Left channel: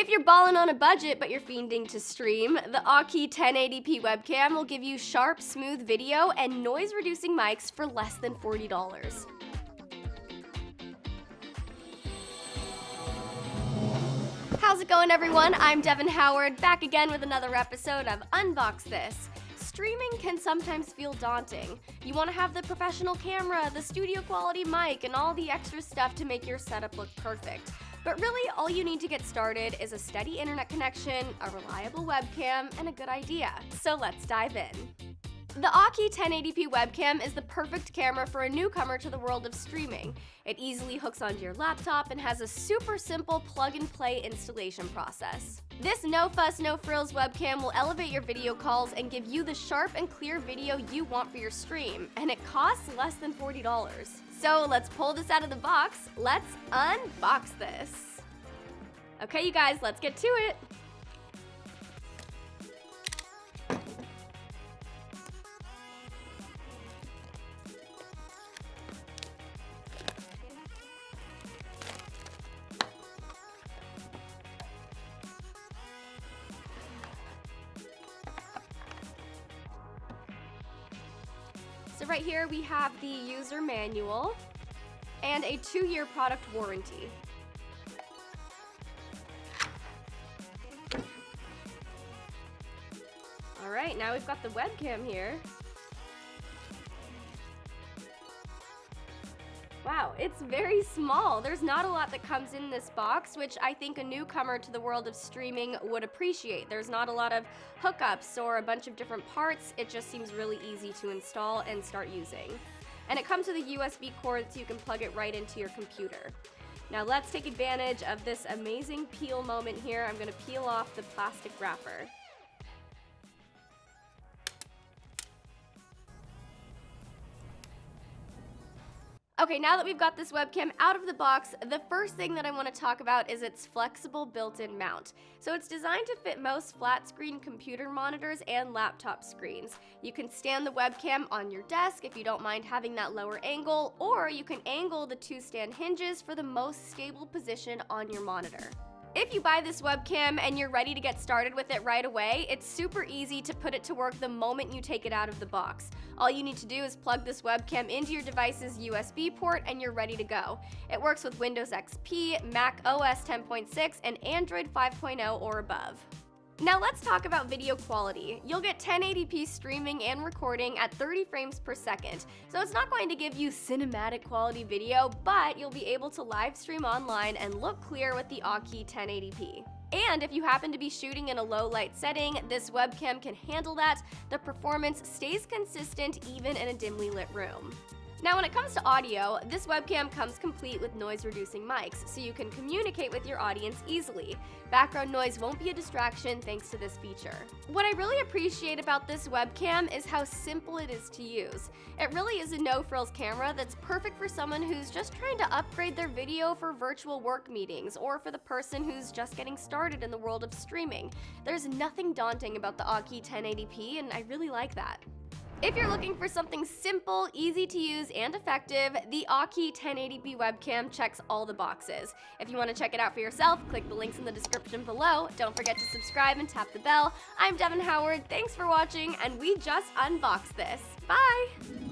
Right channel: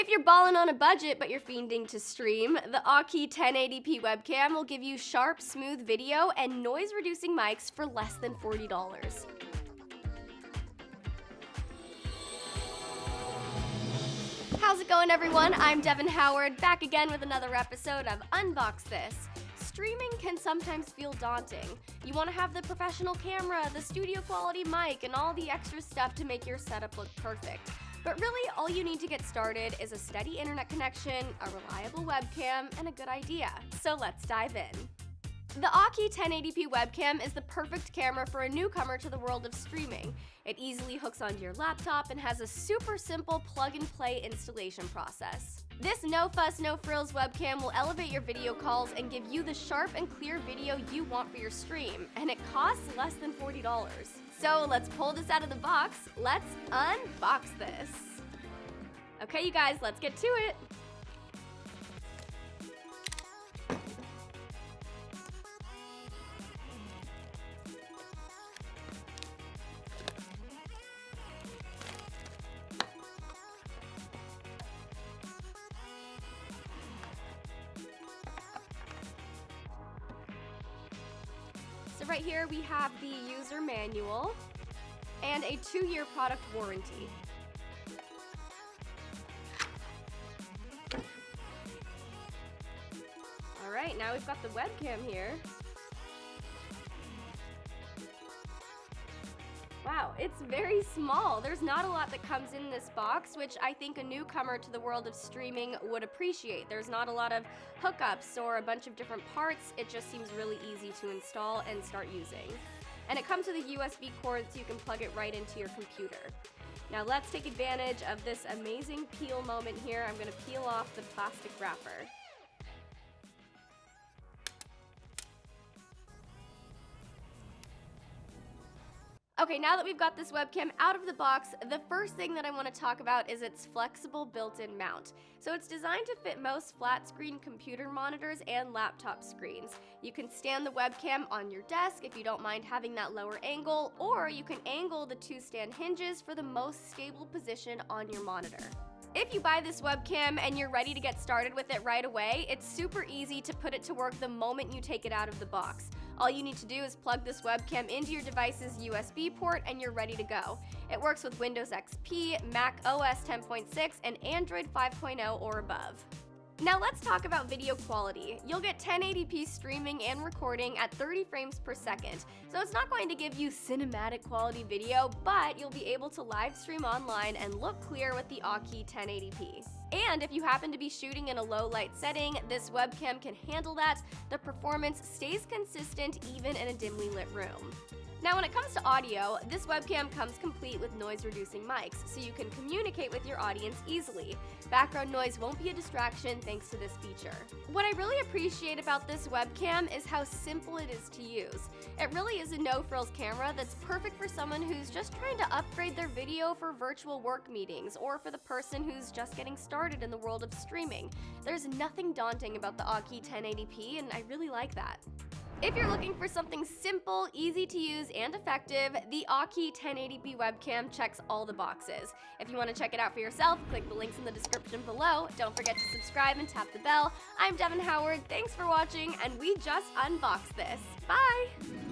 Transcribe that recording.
If you're balling on a budget but you're fiending to stream, the Aukey 1080p webcam will give you sharp, smooth video and noise-reducing mics for less than $40. How's it going, everyone? I'm Devin Howard, back again with another episode of Unbox This. Streaming can sometimes feel daunting. You want to have the professional camera, the studio quality mic, and all the extra stuff to make your setup look perfect. But really, all you need to get started is a steady internet connection, a reliable webcam, and a good idea. So let's dive in. The Aukey 1080p webcam is the perfect camera for a newcomer to the world of streaming. It easily hooks onto your laptop and has a super simple plug-and-play installation process. This no-fuss, no-frills webcam will elevate your video calls and give you the sharp and clear video you want for your stream, and it costs less than $40. So let's pull this out of the box. Let's unbox this. Okay, you guys, let's get to it. So right here we have the user manual and a 2-year product warranty. Alright, now we've got the webcam here. Wow, it's very small. There's not a lot that comes in this box, which I think a newcomer to the world of streaming would appreciate. There's not a lot of hookups or a bunch of different parts. It just seems really easy to install and start using. And it comes with a USB cord so you can plug it right into your computer. Now let's take advantage of this amazing peel moment here. I'm going to peel off the plastic wrapper. Okay, now that we've got this webcam out of the box, the first thing that I want to talk about is its flexible built-in mount. So it's designed to fit most flat-screen computer monitors and laptop screens. You can stand the webcam on your desk if you don't mind having that lower angle, or you can angle the 2 stand hinges for the most stable position on your monitor. If you buy this webcam and you're ready to get started with it right away, it's super easy to put it to work the moment you take it out of the box. All you need to do is plug this webcam into your device's USB port and you're ready to go. It works with Windows XP, Mac OS 10.6, and Android 5.0 or above. Now let's talk about video quality. You'll get 1080p streaming and recording at 30 frames per second. So it's not going to give you cinematic quality video, but you'll be able to live stream online and look clear with the Aukey 1080p. And if you happen to be shooting in a low light setting, this webcam can handle that. The performance stays consistent even in a dimly lit room. Now when it comes to audio, this webcam comes complete with noise-reducing mics, so you can communicate with your audience easily. Background noise won't be a distraction thanks to this feature. What I really appreciate about this webcam is how simple it is to use. It really is a no-frills camera that's perfect for someone who's just trying to upgrade their video for virtual work meetings, or for the person who's just getting started in the world of streaming. There's nothing daunting about the Aukey 1080p, and I really like that. If you're looking for something simple, easy to use, and effective, the Aukey 1080p webcam checks all the boxes. If you want to check it out for yourself, click the links in the description below. Don't forget to subscribe and tap the bell. I'm Devin Howard, thanks for watching, and we just unboxed this. Bye!